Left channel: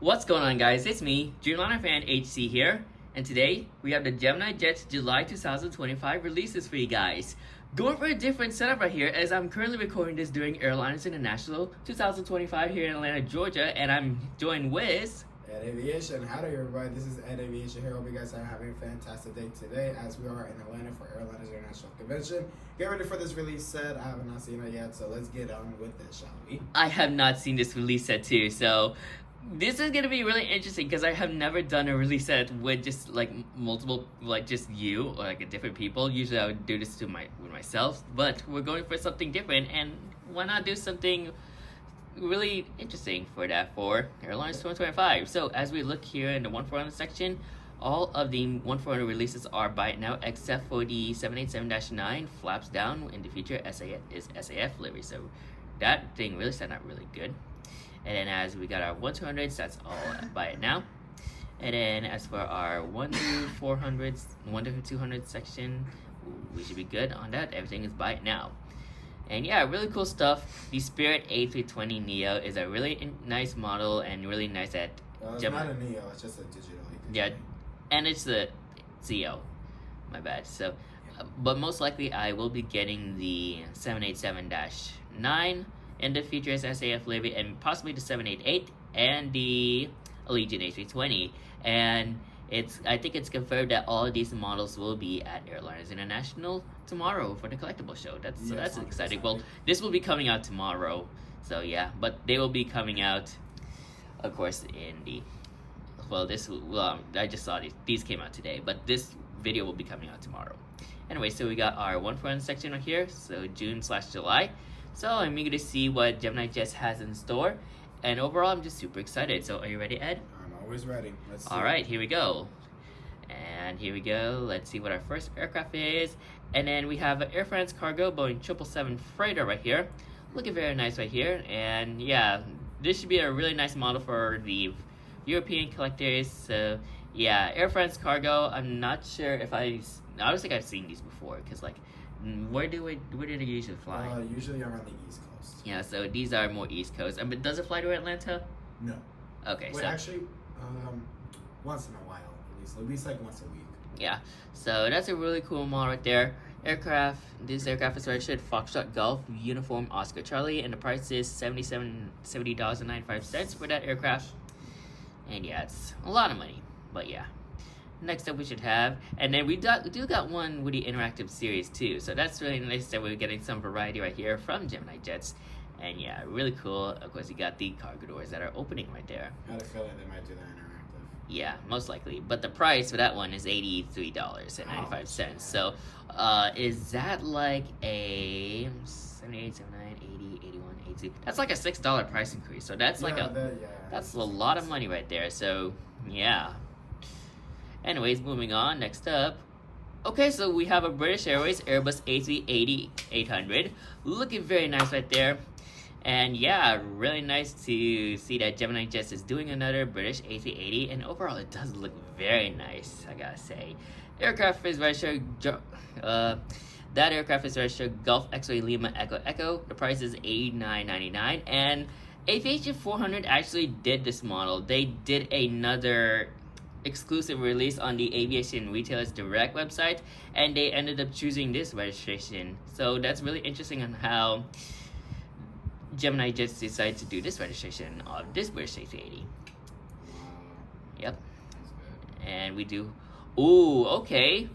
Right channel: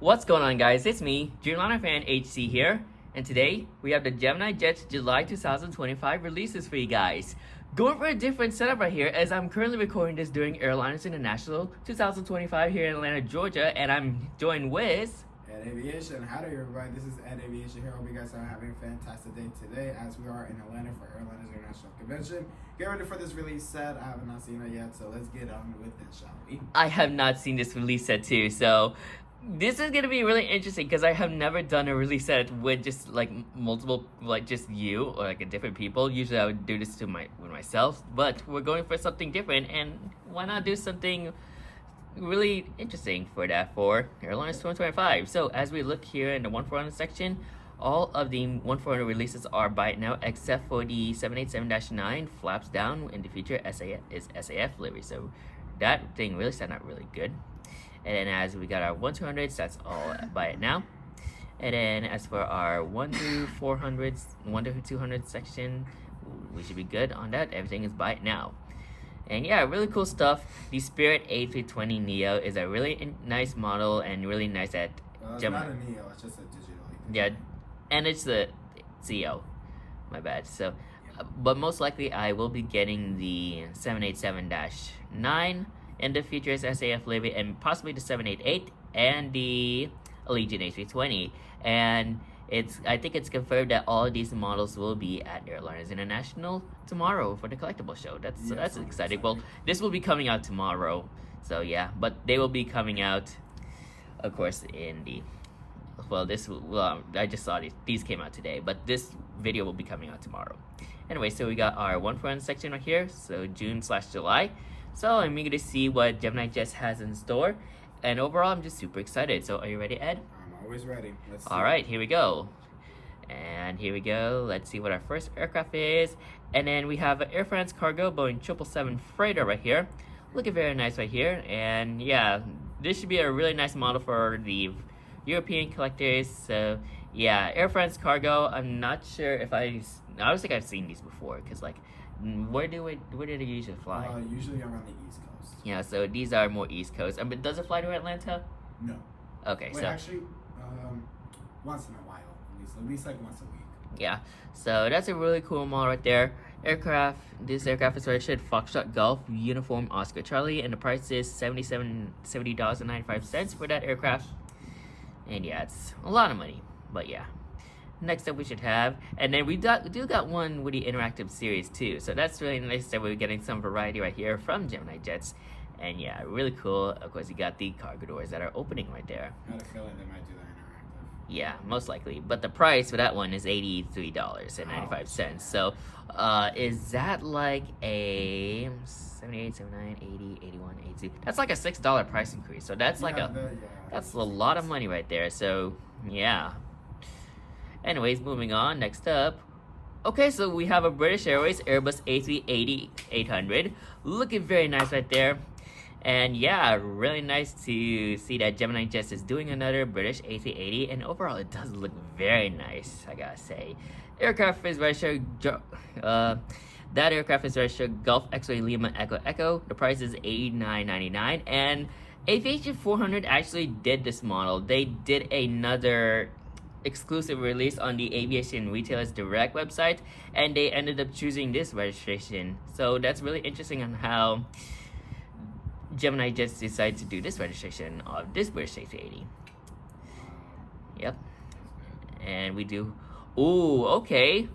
What's going on, guys? It's me, Dreamliner Fan HC here, and today we have the GeminiJets July 2025 releases for you guys. Going for a different setup right here, as I'm currently recording this during Airliners International 2025 here in Atlanta, Georgia, and I'm joined with At Aviation. Howdy everybody, this is Ed Aviation here. Hope you guys are having a fantastic day today as we are in Atlanta for Airliners International Convention. Get ready for this release set. I have not seen it yet, so let's get on with it, shall we? I have not seen this release set too, so this is going to be really interesting because I have never done a release set with just like multiple, like just you or like different people. Usually I would do this with myself, but we're going for something different, and why not do something really interesting for that for Airlines 2025. So as we look here in the 1400 section, all of the 1400 releases are by now except for the 787-9 flaps down in the future SAF livery. So that thing really set out really good. And then as we got our 1-200s, that's all by it now. And then as for our 1 to 400s, 1 to 200 section, we should be good on that. Everything is by it now. And yeah, really cool stuff. The Spirit A320neo is a really nice model and really nice at It's not a Neo, it's just a digital. Yeah, and it's the CO. My bad. So, but most likely I will be getting the 787-9 and the Futures SAF livery, and possibly the 788 and the Allegiant A320. And I think it's confirmed that all of these models will be at Airliners International tomorrow for the collectible show. That's exciting. Well, this will be coming out tomorrow, so yeah. But they will be coming out, of course, in the I just saw these came out today, but this video will be coming out tomorrow. Anyway, so we got our 1-400 section right here, so June/July. So I'm eager to see what GeminiJets has in store, and overall I'm just super excited. So are you ready, Ed? I'm always ready. Let's see. All right, here we go. And here we go. Let's see what our first aircraft is. And then we have an Air France Cargo Boeing 777 freighter right here. Looking very nice right here. And yeah, this should be a really nice model for the European collectors. So yeah, Air France Cargo, I'm not sure if I don't think I've seen these before, because like where do they usually fly? Usually around the East Coast. Yeah, so these are more East Coast. But does it fly to Atlanta? No. Okay. Wait, so actually, once in a while, at least like once a week. Yeah, so that's a really cool model right there. This aircraft is registered Foxtrot Golf Uniform Oscar Charlie, and the price is $70.95 for that aircraft. And yeah, it's a lot of money, but yeah. Next up we should have, and then we do got one with the interactive series too, so that's really nice that we're getting some variety right here from GeminiJets. And yeah, really cool. Of course, you got the cargo doors that are opening right there. I had a feeling they might do that interactive. Yeah, most likely. But the price for that one is $83.95. So, is that like a 78, 79, 80, 81, 82? That's like a $6 price increase. So that's that's a lot of money right there. So, yeah. Anyways, moving on. Next up. Okay, so we have a British Airways Airbus A380-800. Looking very nice right there. And yeah, really nice to see that GeminiJets is doing another British A380, and overall it does look very nice, I gotta say. Aircraft is registered, that aircraft is registered Gulf X-Ray Lima Echo Echo. The price is $89.99, and Aviation 400 actually did this model. They did another exclusive release on the Aviation Retailers Direct website, and they ended up choosing this registration. So that's really interesting on how GeminiJets decided to do this registration of this British A380. Yep. And we do. Ooh, okay.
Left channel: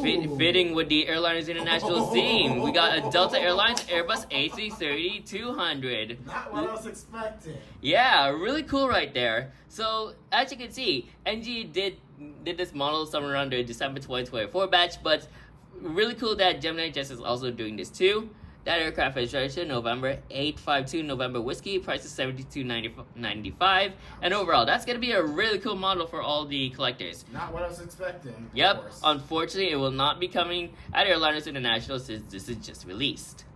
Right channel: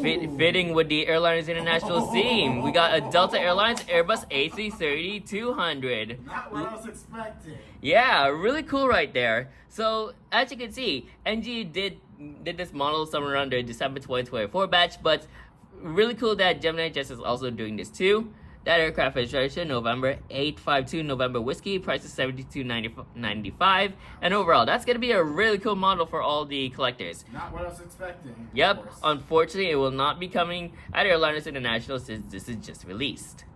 Fitting with the Airliners International theme. We got a Delta Airlines Airbus A330-200. Not what I was expecting. Yeah, really cool right there. So, as you can see, NG did this model somewhere around the December 2024 batch, but really cool that GeminiJets is also doing this too. That aircraft is registered November 852 November Whiskey. Price is $72.95. And overall, that's going to be a really cool model for all the collectors. Not what I was expecting. Yep. Unfortunately, it will not be coming at Airliners International since this is just released.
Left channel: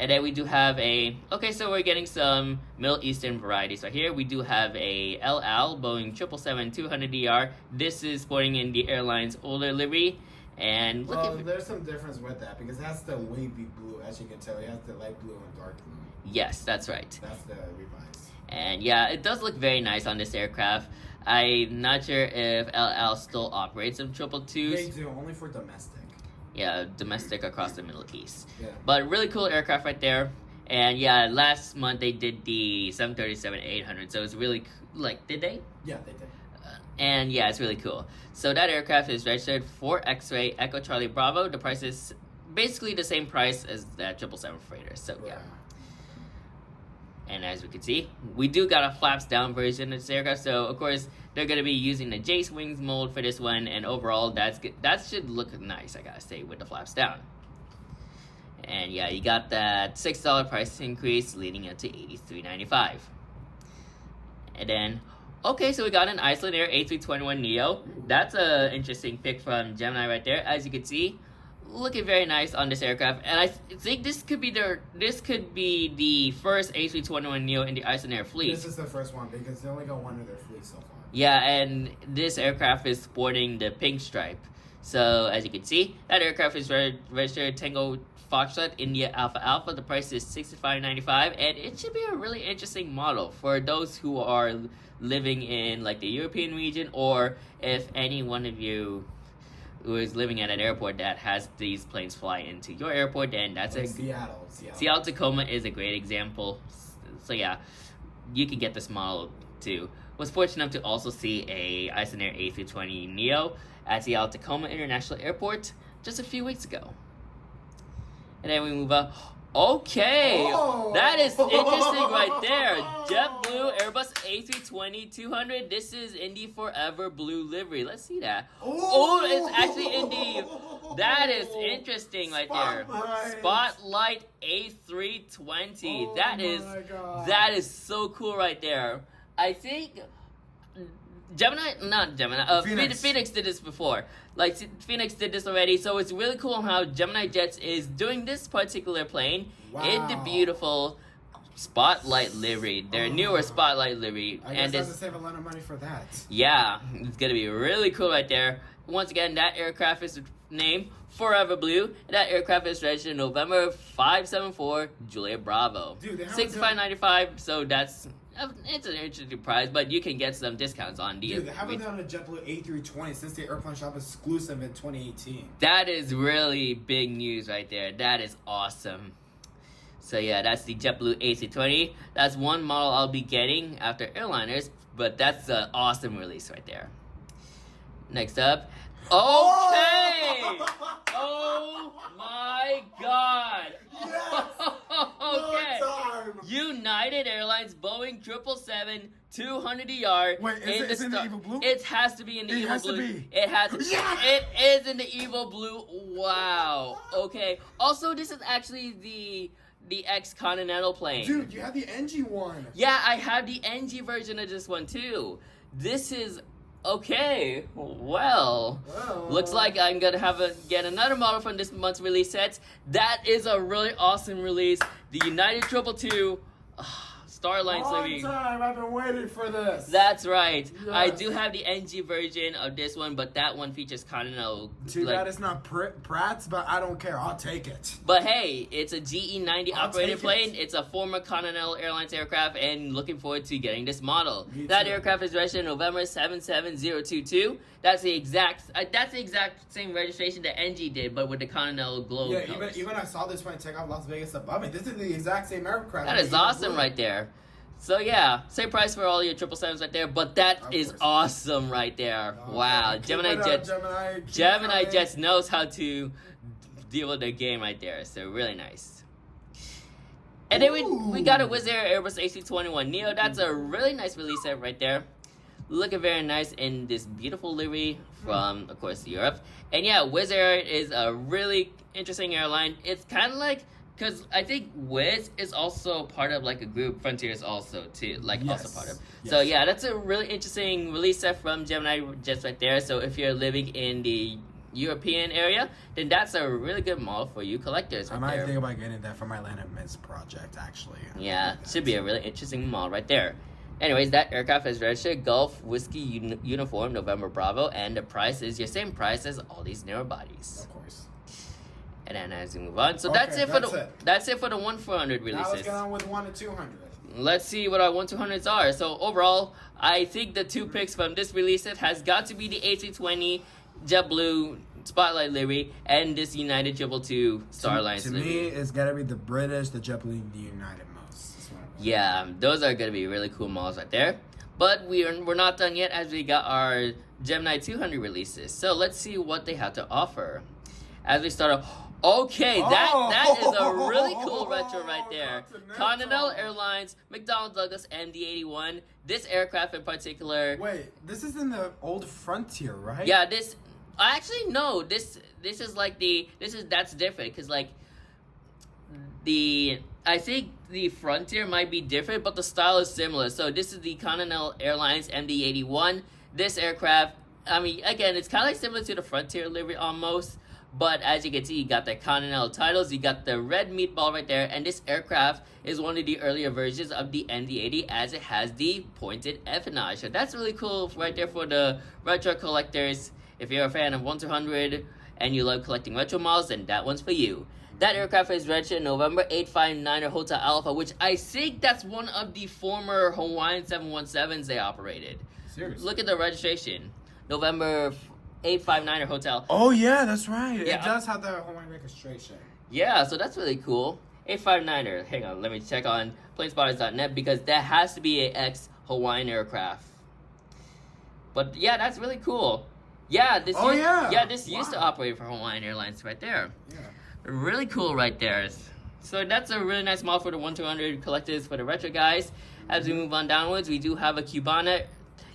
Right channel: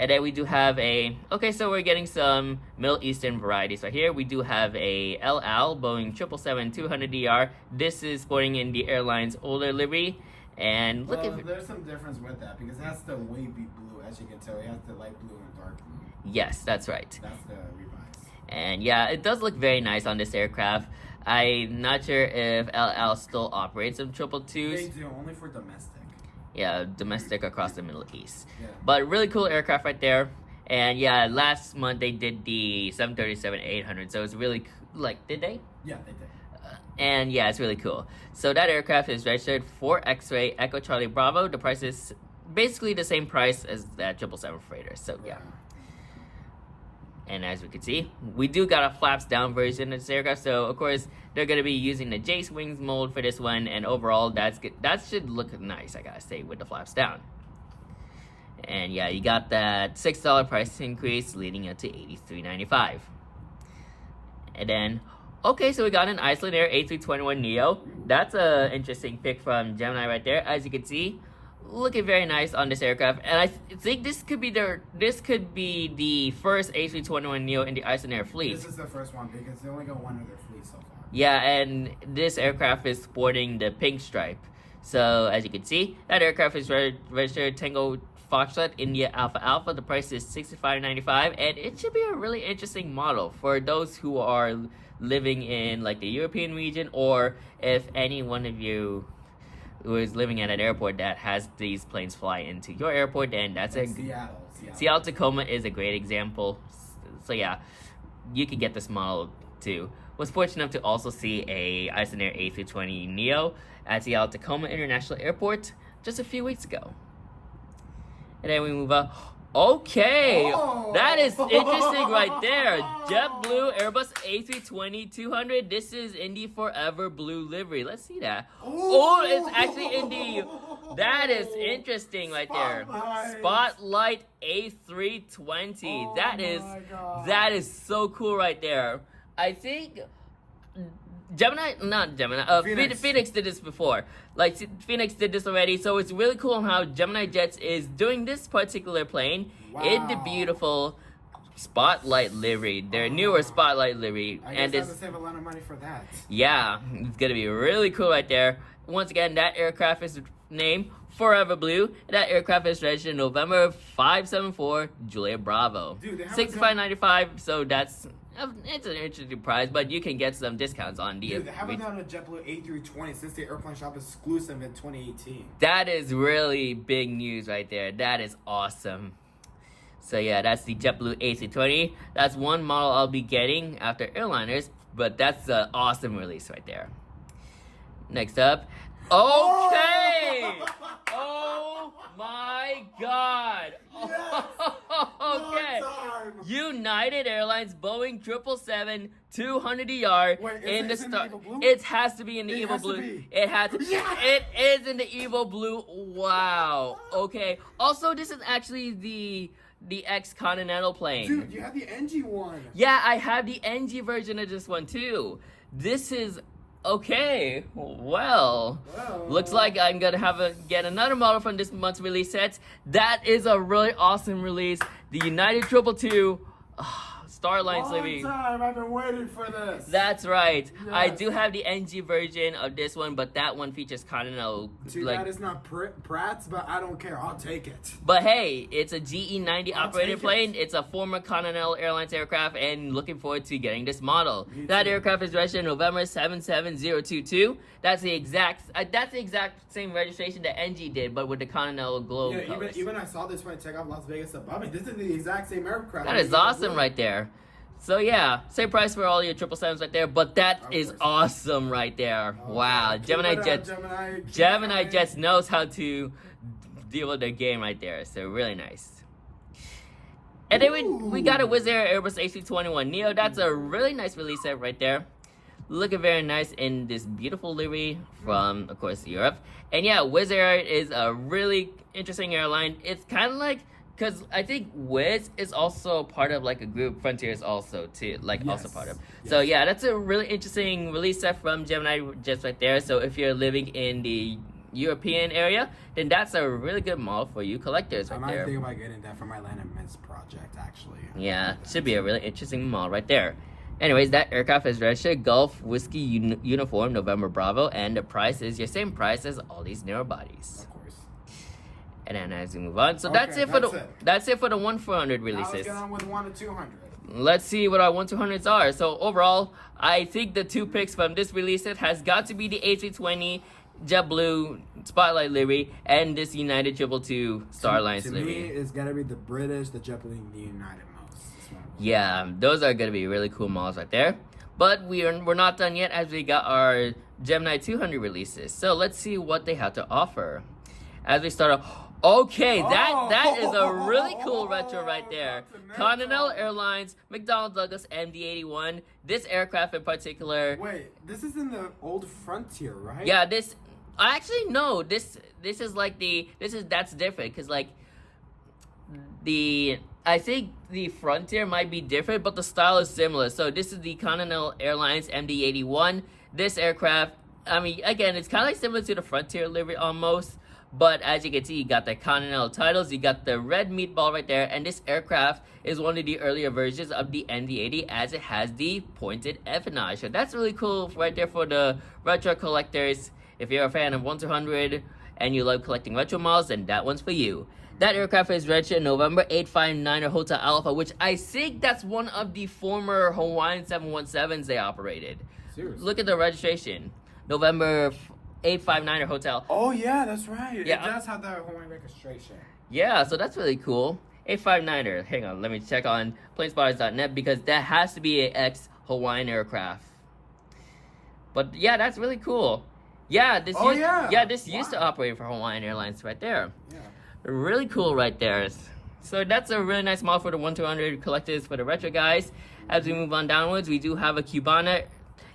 And then we do have okay, so we're getting some Middle Eastern varieties right here. We do have a El Al Boeing 777-200ER. This is sporting in the airline's older livery. And there's some difference with that because that's the wavy blue, as you can tell. It has the light blue and dark blue. Yes, that's right. That's the revised. And yeah, it does look very nice on this aircraft. I'm not sure if LL still operates some 222s. They do, only for domestic. Yeah, domestic across the Middle East. Yeah. But really cool aircraft right there. And yeah, last month they did the 737-800, so it's really like, did they? Yeah, they did. And yeah, it's really cool. So that aircraft is registered for X-Ray Echo Charlie Bravo. The price is basically the same price as that 777 freighter. So yeah. And as we can see, we do got a flaps down version of this aircraft. So of course they're gonna be using the Jace wings mold for this one, and overall that's good. That should look nice, I gotta say, with the flaps down. And yeah, you got that $6 price increase leading up to $83.95. And then, okay, so we got an Iceland Air A321neo. That's a interesting pick from Gemini right there. As you can see, looking very nice on this aircraft. And I think this could be the first A321neo in the Iceland Air fleet. This is the first one because they only got one of their fleet so far. Yeah, and this aircraft is sporting the pink stripe. So as you can see, that aircraft is registered Tango Foxtrot India Alpha Alpha. The price is $65.95, and it should be a really interesting model for those who are living in like the European region, or if any one of you who is living at an airport that has these planes fly into your airport, then that's like a Seattle Tacoma is a great example. So yeah, you can get this model too. Was fortunate enough to also see a Iceland Air A320neo at Seattle Tacoma International Airport just a few weeks ago. And then we move up. Okay, that is interesting right there. JetBlue Airbus A320-200. This is in the Forever Blue livery. Let's see that. Oh, it's actually in the... That is interesting right there. Spotlight A320. That is so cool right there. I think Phoenix did this before. Like, Phoenix did this already, so it's really cool how GeminiJets is doing this particular plane in the beautiful Spotlight livery, their newer Spotlight livery. I guess I have to save a lot of money for that. Yeah, it's gonna be really cool right there. Once again, that aircraft is named Forever Blue, and that aircraft is registered November 574 Juliet Bravo. Dude, $65.95, so it's an interesting price, but you can get some discounts on the... Dude, they haven't done a JetBlue A320 since the Airplane Shop exclusive in 2018. That is really big news right there. That is awesome. So yeah, that's the JetBlue A320. That's one model I'll be getting after Airliners, but that's an awesome release right there. Next up... Okay! Oh my god! Yes! Okay. United Airlines Boeing 777-200ER. Wait, is it in the Evil Blue? It has to be in the Evil Blue. It has. It is in the Evil Blue. Wow. Okay. Also, this is actually the ex-Continental plane. Dude, you have the NG one. Yeah, I have the NG version of this one too. This is. Okay, well, looks like I'm gonna get another model from this month's release sets. That is a really awesome release. The United 222 Starlines livery. Long time I've been waiting for this. That's right. Yes. I do have the NG version of this one, but that one features Continental. Too bad it's not Pratt's, but I don't care. I'll take it. But hey, it's a GE90 operated plane. It's a former Continental Airlines aircraft, and looking forward to getting this model. That aircraft is registered November 77022. That's the exact same registration that NG did, but with the Continental globe. Yeah, even I saw this one take off Las Vegas above me. This is the exact same aircraft. That is awesome right there. So yeah, same price for all your 777s right there, but that is awesome right there. Okay. Wow, GeminiJets knows how to deal with the game right there. So really nice. And then we got a Wizz Air Airbus A321neo. That's a really nice release set right there. Looking very nice in this beautiful livery from, of course, Europe. And yeah, Wizz Air is a really interesting airline. It's kind of like, because I think Wizz is also part of like a group, Frontier is also too, also part of. Yes. So yeah, that's a really interesting release set from GeminiJets right there. So if you're living in the European area, then that's a really good model for you collectors right there. I might think about getting that for my Atlanta Mets project, actually. Yeah, should be a really interesting model right there. Anyways, that aircraft is registered Gulf Whiskey Uniform November Bravo, and the price is your same price as all these narrow bodies. Of course. And then as we move on, so that's it for the 1-400 releases. Now let's get on with 1 to 200. let's see what our 1-200s are. So overall, I think the two picks from this release has got to be the A320 JetBlue Spotlight livery and this United 222 Starlines livery. To me, it's gotta be the British, the JetBlue, and the United most. Yeah, those are gonna be really cool models right there. But we're not done yet, as we got our Gemini 200 releases. So let's see what they have to offer. As we start off, okay, that is a really cool retro right there. Continental Airlines, McDonnell Douglas MD-81. This aircraft in particular. Wait, this is in the old Frontier, right? Yeah, this. Actually, no. This is like that's different because like I think the Frontier might be different, but the style is similar. So this is the Continental Airlines MD-81. This aircraft, I mean, again, it's kind of like similar to the Frontier livery almost. But as you can see, you got the Continental titles, you got the red meatball right there, and this aircraft is one of the earlier versions of the MD-80 as it has the pointed empennage. So that's really cool right there for the retro collectors. If you're a fan of 1-200 and you love collecting retro models, then that one's for you. That aircraft is registered November 859 Hotel Alpha, which I think that's one of the former Hawaiian 717s they operated. Seriously? Look at the registration. November 859 Hotel. Oh yeah, that's right. Yeah. It does have the Hawaiian registration. Yeah, so that's really cool. 859er. Hang on, let me check on planespotters.net because that has to be an ex-Hawaiian aircraft. But yeah, that's really cool. Yeah, this used to operate for Hawaiian Airlines right there. Yeah. Really cool right there. So that's a really nice model for the 1-200 collectors for the retro guys. As we move on downwards, we do have a Cubana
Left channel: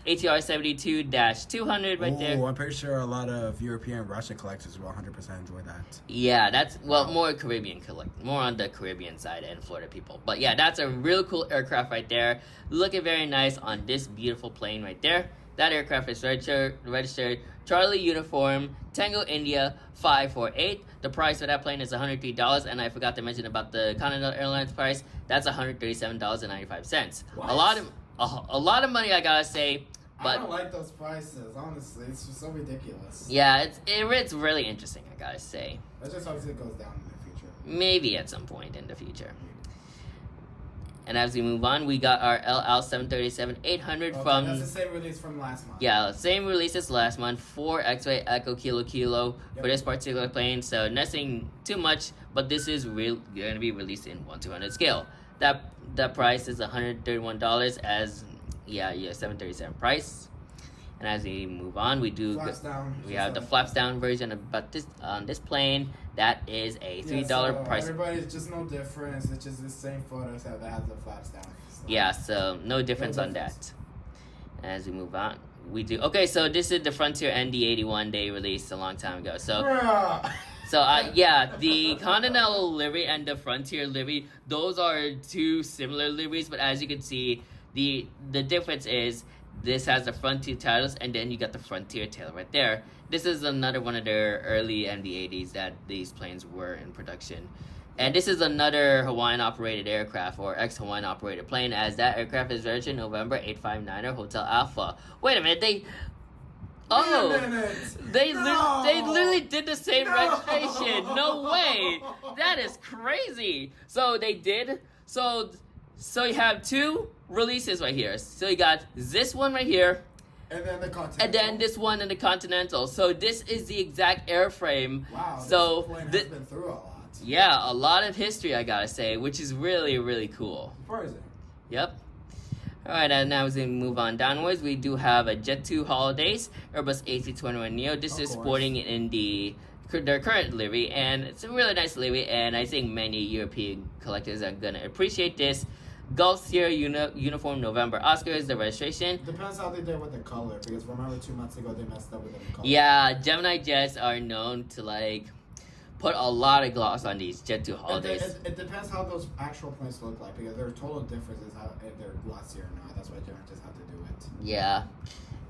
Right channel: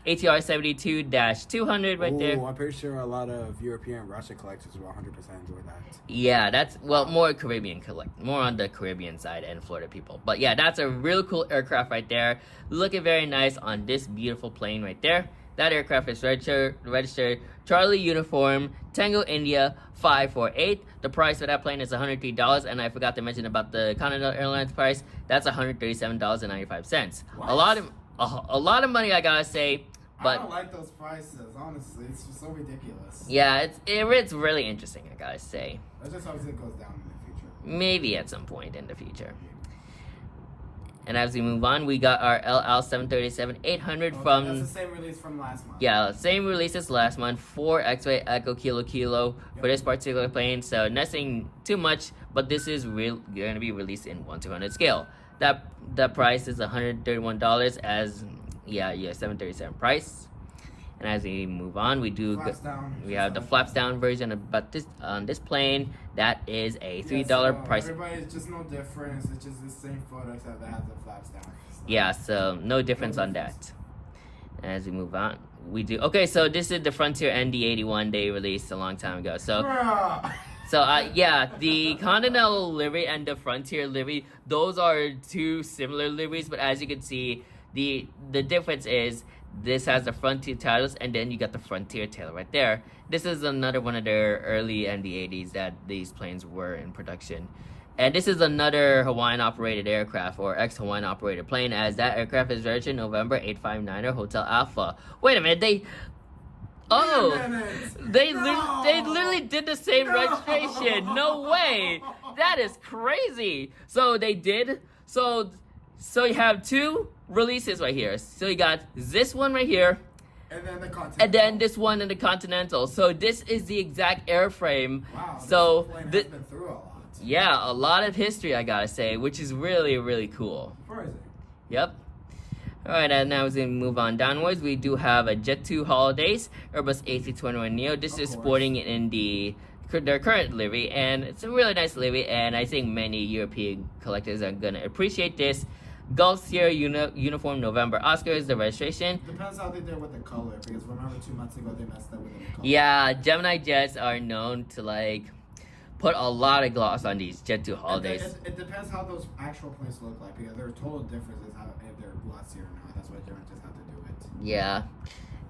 ATR 72-200 right there. I'm pretty sure a lot of European and Russian collectors will 100% enjoy that. Yeah, that's, well, more Caribbean more on the Caribbean side and Florida people. But yeah, that's a real cool aircraft right there. Looking very nice on this beautiful plane right there. That aircraft is registered Charlie Uniform Tango India 548. The price for that plane is $103, and I forgot to mention about the Continental Airlines price. That's $137.95. What? A lot of money, I gotta say. But I don't like those prices, honestly. It's just so ridiculous. Yeah, it's really interesting, I gotta say. I just hope it goes down in the future. Maybe at some point in the future. And as we move on, we got our LL 737-800 from... That's the same release from last month. Yeah, same release as last month. 4 X-Ray Echo Kilo for this particular plane. So nothing too much, but this is going to be released in 1-200 scale. That price is $131 as... Yeah, 737 price. And as we move on, we have the flaps down version of this plane. That is a $3 price. Everybody's just no difference. It's just the same photos that has the flaps down. So. Yeah, so no difference on that. As we move on, we do so. This is the Frontier ND-81 they released a long time ago. So. The Continental livery and the Frontier livery, those are two similar liveries, but as you can see, the difference is this has the Frontier titles, and then you got the Frontier tail right there. This is another one of their early MD-80s that these planes were in production. And this is another Hawaiian-operated aircraft, or ex-Hawaiian operated plane, as that aircraft is registered November 859er Hotel Alpha. Wait a minute, they literally did the same registration. No way. That is crazy. So they did. So you have two releases right here. So you got this one right here. And then the Continental. And then this one in the Continental. So this is the exact airframe. Wow, so this plane has been through a lot. Yeah, a lot of history, I gotta say, which is really, really cool. Surprising. Yep. Alright, and now as we move on downwards, we do have a Jet 2 Holidays Airbus A321neo. This is sporting in their current livery, and it's a really nice livery, and I think many European collectors are gonna appreciate this. Gulf Sierra Uniform November Oscar is the registration. Depends how they did with the color, because remember 2 months ago they messed up with the color. Yeah, GeminiJets are known to put a lot of gloss on these Jet 2 Holidays. It depends how those actual planes look like, because there are total differences if they're glossy or not. That's why GeminiJets have to do it. Yeah.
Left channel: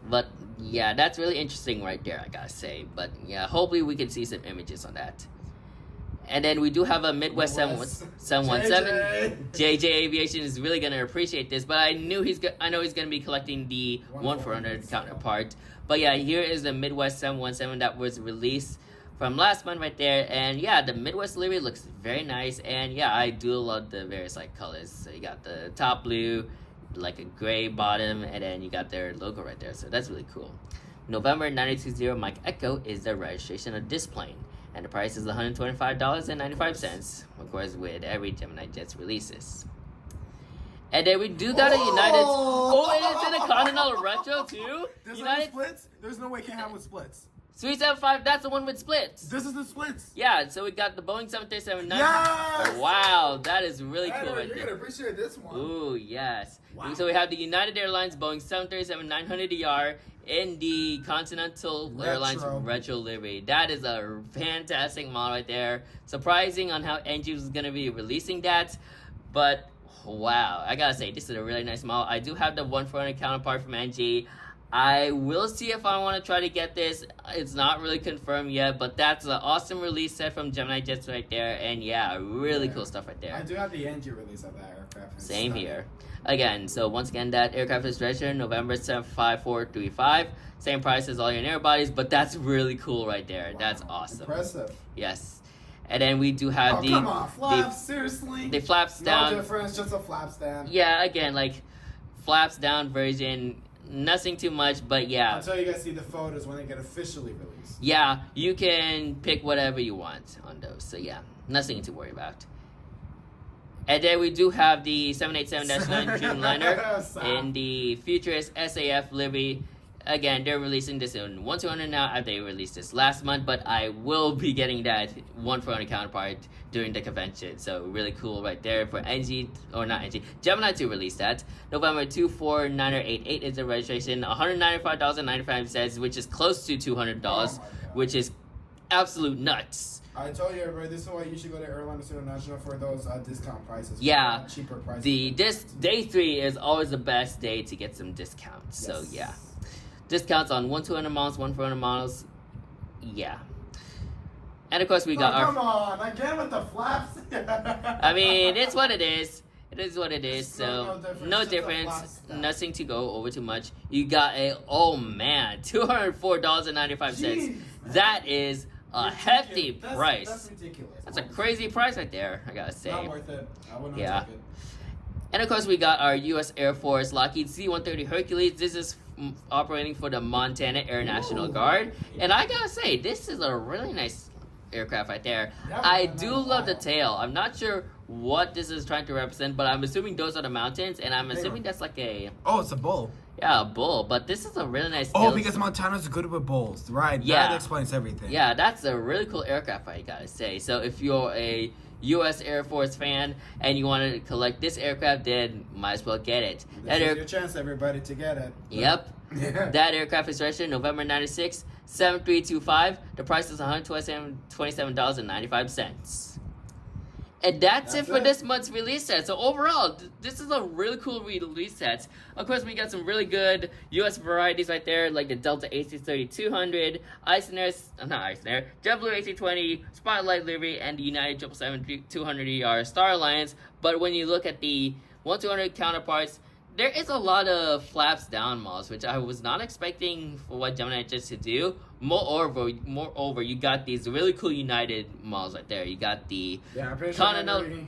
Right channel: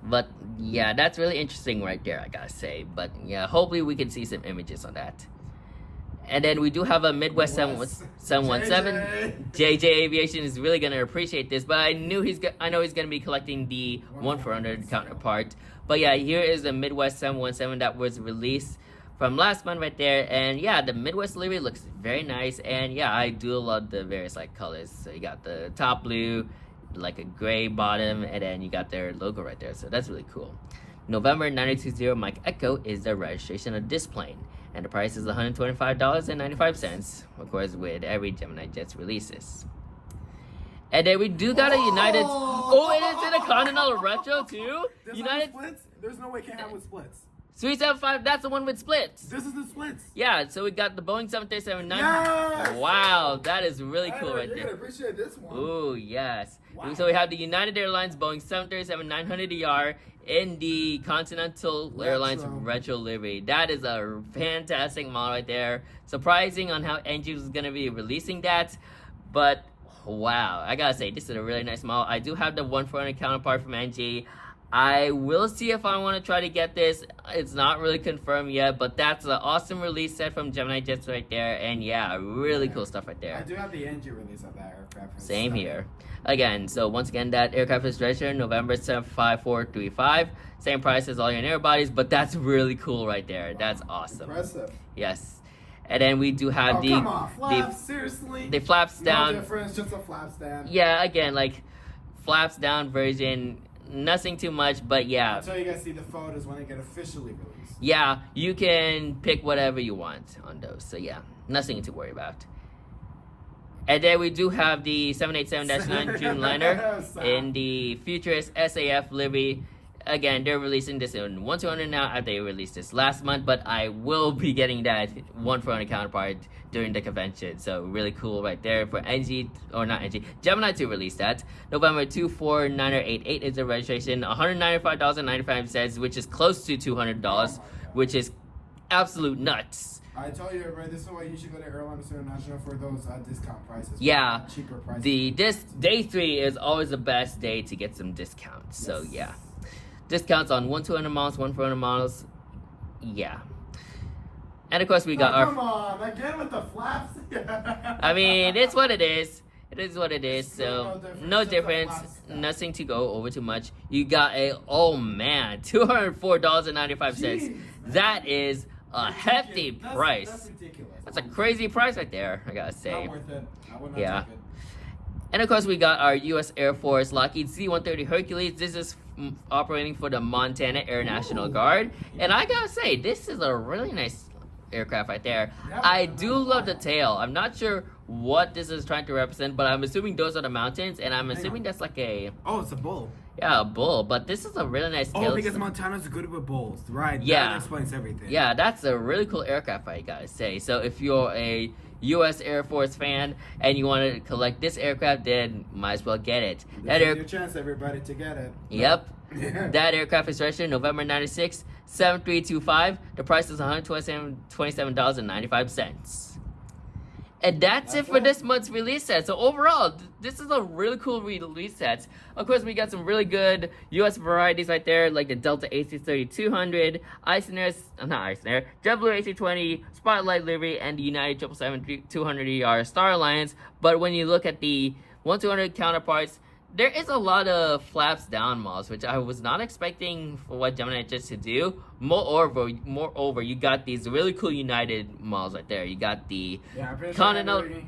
But yeah, that's really interesting right there, I gotta say. But yeah, hopefully we can see some images on that. And then we do have a Midwest 717. JJ Aviation is really gonna appreciate this, but I know he's gonna be collecting the 1-400 counterpart. But yeah, here is a Midwest 717 that was released from last month right there. And yeah, the Midwest livery looks very nice. And yeah, I do love the various like colors. So you got the top blue, like a gray bottom, and then you got their logo right there. So that's really cool. November 920 Mike Echo is the registration of this plane. And the price is $125.95, of course, with every GeminiJets releases. And then we do got a United. Oh, and it's in a Continental Retro too. There's United no splits. There's no way it can't have with splits. 375. That's the one with splits. This is the splits. Yeah. So we got the Boeing 737. Yes! Wow, that is really cool right You're there. gonna appreciate this one. Oh yes. Wow. So we have the United Airlines Boeing 737-900ER in the Continental Airlines Retro livery. That is a fantastic model right there. Surprising on how NG is gonna be releasing that, but. Wow, I gotta say, this is a really nice model. I do have the 140 counterpart from NG. I will see if I want to try to get this. It's not really confirmed yet, but that's an awesome release set from GeminiJets right there. And yeah, really cool stuff right there. I do have the NG release of that aircraft. Same here. Again, so once again, that aircraft is registered November 75435. Same price as all your air bodies, but that's really cool right there. Wow, that's awesome. Impressive. Yes. And then we do have come on, flaps, seriously? The flaps down. No difference, just a flaps down. Yeah, again, like, flaps down version, nothing too much, but yeah. Until you guys see the photos when they get officially released. Yeah, you can pick whatever you want on those, so yeah, nothing to worry about. And then we do have the 787-9 Dreamliner in the Futurist SAF livery. Again, they're releasing this in 1-200 now after they released this last month, but I will be getting that 1-400 counterpart during the convention. So really cool right there for NG, or not NG, Gemini to release that. November 24988 is the registration, $195.95, which is close to $200, which is absolute nuts. I told you, everybody, this is why you should go to Airliners International for those discount prices. Yeah, cheaper prices. This day 3 is always the best day to get some discounts. Yes. So yeah. Discounts on 1-200 models, 1-400 models, yeah. And of course we got come on, again with the flaps. I mean, it's what it is. It is what it is. So no difference. Nothing to go over too much. You got a $204.95. That is a hefty price. That's ridiculous. That's a crazy price right there, I gotta say. Not worth it. I would not take it. And of course, we got our U.S. Air Force Lockheed C-130 Hercules. This is operating for the Montana Air National Guard. And I gotta say, this is a really nice aircraft right there. I do love the tail. I'm not sure what this is trying to represent, but I'm assuming those are the mountains, and I'm assuming that's like a... Oh, it's a bull. Yeah, a bull, but this is a really nice tail. Oh, because Montana's good with bulls, right? Yeah. That explains everything. Yeah, that's a really cool aircraft, I gotta say. So if you're a U.S. Air Force fan and you want to collect this aircraft, then might as well get it. This is your chance, everybody, to get it. Yep. That aircraft is registered November 96, 7325. The price is $127.95. And that's it for this month's release set. So overall, this is a really cool release set. Of course, we got some really good U.S. varieties right there, like the Delta AC-3200, JetBlue AC-20, Spotlight livery, and the United 777-200ER Star Alliance. But when you look at the 1-200 counterparts, there is a lot of flaps down models, which I was not expecting for what GeminiJets to do. Moreover, you got these really cool United models right there. You got the Continental. We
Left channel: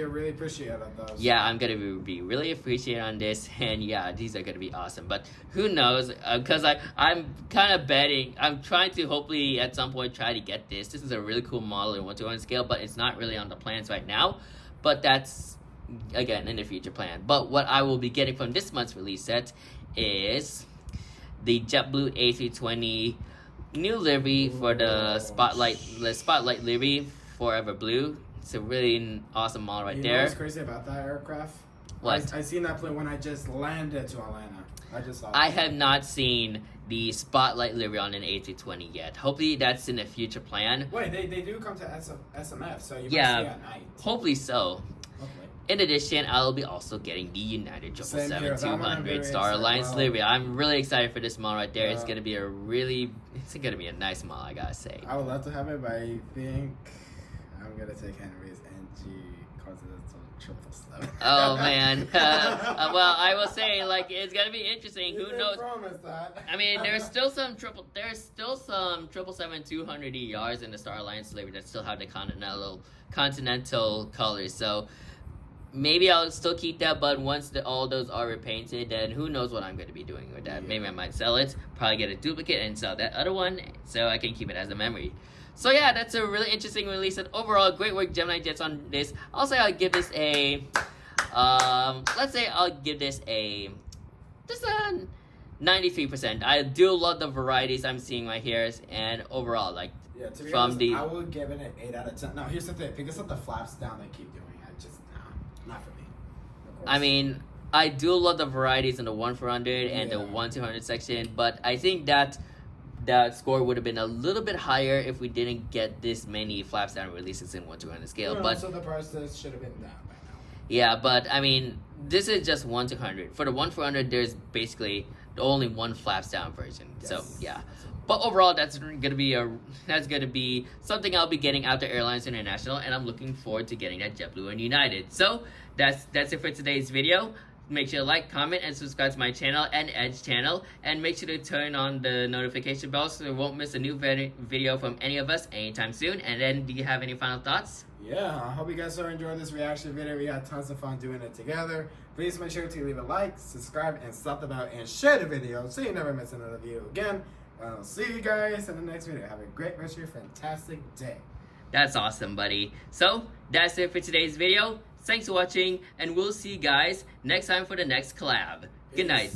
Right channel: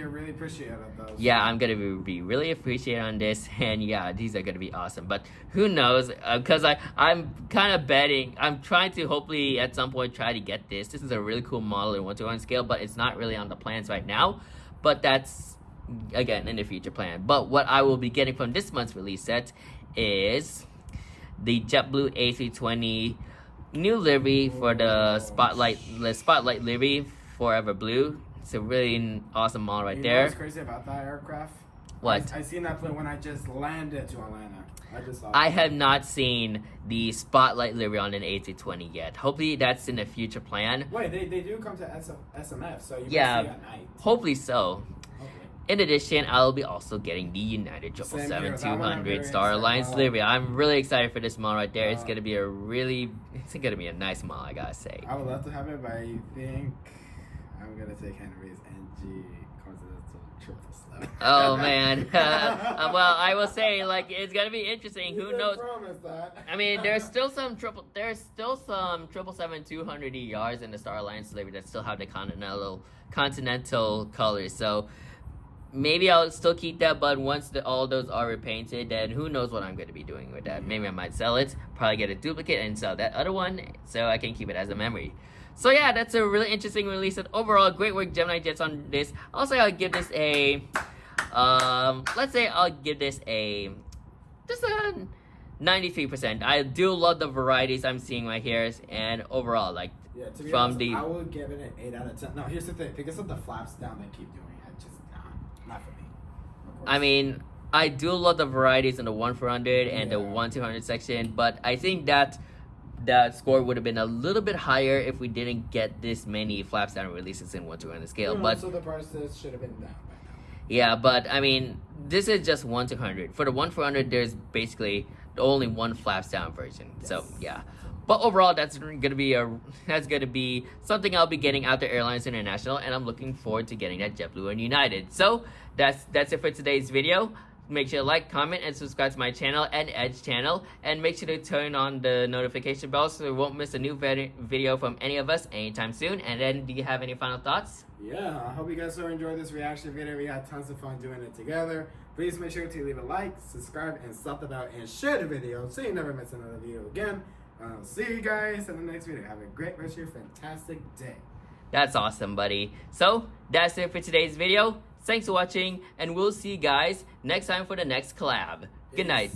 are really appreciative of those. Yeah, I'm gonna be really appreciative on this, and yeah, these are gonna be awesome. But who knows? Because I'm kind of betting. I'm trying to hopefully at some point try to get this. This is a really cool model in 1-to-1 scale, but it's not really on the plans right now. But that's again in the future plan. But what I will be getting from this month's release set is the JetBlue A320 new livery for the Spotlight livery, Forever Blue. It's a really awesome model right there. You know what's crazy about that aircraft? What? I seen that plane when I just landed to Atlanta. I just saw it. I have not seen the Spotlight livery on an A320 yet. Hopefully that's in the future plan. Wait, they do come to SMF, so you might see it at night. Hopefully so. In addition, I'll be also getting the United 777-200 Star Alliance livery. I'm really excited for this model right there. It's gonna be a nice model, I gotta say. I would love to have it, but I think I'm gonna take Henry's NG Continental Oh man. Well, I will say, like, it's gonna be interesting. Who knows? I mean, there's still some 777-200 ERs in the Star Alliance delivery that still have the continental colors. So maybe I'll still keep that, but once all those are repainted, then who knows what I'm gonna be doing with that? Yeah. Maybe I might sell it, probably get a duplicate and sell that other one, so I can keep it as a memory. So yeah, that's a really interesting release, and overall, great work, GeminiJets, on this. Also, I'll give this a, let's say I'll give this just a 93%. I do love the varieties I'm seeing right here, and overall, like, yeah, to be honest, I would give it an 8 out of 10. No, here's the thing, because of the flaps down they keep doing, not for me. Of course. I mean, I do love the varieties in the 1-400 and the 1-200 section, but I think that score would have been a little bit higher if we didn't get this many flaps down releases in 1-200 scale. Yeah, but so the prices should have been down by now. Yeah, but I mean, this is just 1-200. For the 1-400, there's basically only one flaps down version. Yes. So yeah. But overall, that's gonna be something I'll be getting out to Airlines International, and I'm looking forward to getting that JetBlue and United. So that's it for today's video. Make sure to like, comment, and subscribe to my channel and Edge channel, and make sure to turn on the notification bell so you won't miss a new video from any of us anytime soon. And then, do you have any final thoughts? Yeah, I hope you guys so enjoyed this reaction video. We had tons of fun doing it together. Please make sure to leave a like, subscribe, and slap the bell, and share the video so you never miss another video again. I'll see you guys in the next video. Have a great rest of your fantastic day. That's awesome, buddy. So, that's it for today's video. Thanks for watching, and we'll see you guys next time for the next collab. Good night.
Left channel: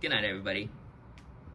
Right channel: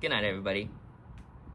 Good night, everybody.